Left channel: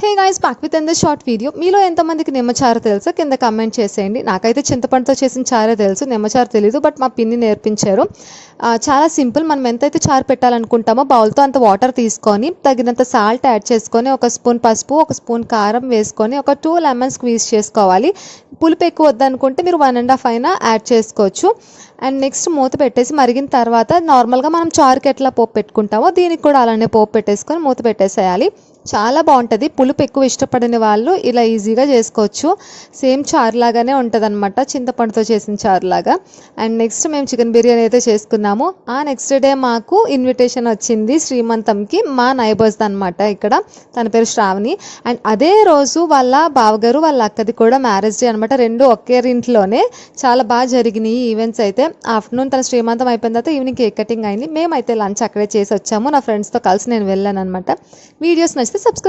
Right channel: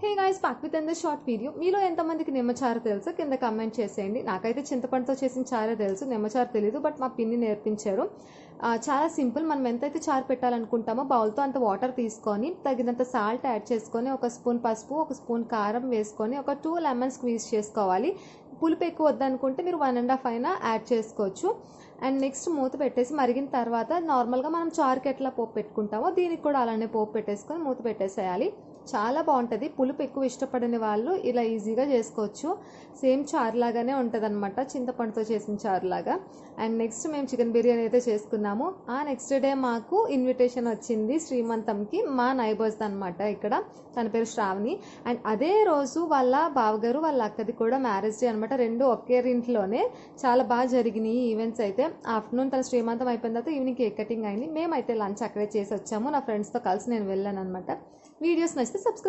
Hey guys, back with and the short video. మీలో ఎంతమందికి నిమ్మచారు తెలుసో కింద కమెంట్ చేసేయండి. నాకైతే చింతపండుతో చేసిన చారే తెలుసు, నిమ్మచారు తెలీదు. బట్ మా పిన్ని నేర్పించారు. చాలా సింపుల్. మనం ఎంతైతే చారు పెట్టాలనుకుంటామో బౌల్తో అంత వాటర్ తీసుకొని తగినంత సాల్ట్ యాడ్ చేసుకొని, ఒక స్పూన్ పసుపు, ఒక స్పూన్ కారం వేసుకొని, ఒక 2 లెమన్ స్క్వీజ్ చేసుకోవాలి. పులుపు ఎక్కువ వద్దనుకుంటే మీరు 1.5 అయినా యాడ్ చేసుకోవచ్చు. అండ్ నెక్స్ట్ మూత పెట్టేసి మరిగిన తర్వాత నార్మల్గా మనం చారుకి ఎట్లా పోపు పెట్టుకుంటామో దీనికి కూడా అలానే పోపు పెట్టేసుకొని మూత పెట్టేసేయాలి. చాలా బాగుంటుంది. పులుపు ఎక్కువ ఇష్టపడని వాళ్ళు ఇలా ఈజీగా చేసుకోవచ్చు. సేమ్ చారు లాగానే ఉంటుంది అనమాట, చింతపండుతో చేసిన చారు లాగా. అండ్ నెక్స్ట్ మేము చికెన్ బిర్యానీ అయితే చేసుకున్నాము. ఆ నెక్స్ట్ డే మాకు ఇన్విటేషన్ వచ్చింది శ్రీమంతంకి, మా నైబర్స్ అనమాట. ఇక్కడ తన పేరు శ్రావణి. అండ్ అదే రోజు వాళ్ళ బావగారు వాళ్ళ అక్కది కూడా మ్యారేజ్ డే అనమాట. రెండు ఒకే ఇంట్లోనే. చాలా బాగా జరిగినాయి ఈవెంట్స్ అయితే. ఆఫ్టర్నూన్ తన శ్రీమంతం అయిపోయిన తర్వాత ఈవినింగ్ కేక్ కటింగ్ అయింది. మేమైతే లంచ్ అక్కడే చేసి వచ్చాము. నా ఫ్రెండ్స్తో కలిసి నేను వెళ్ళాను అనమాట. వీడియోస్ నచ్చితే సబ్స్క్రైబ్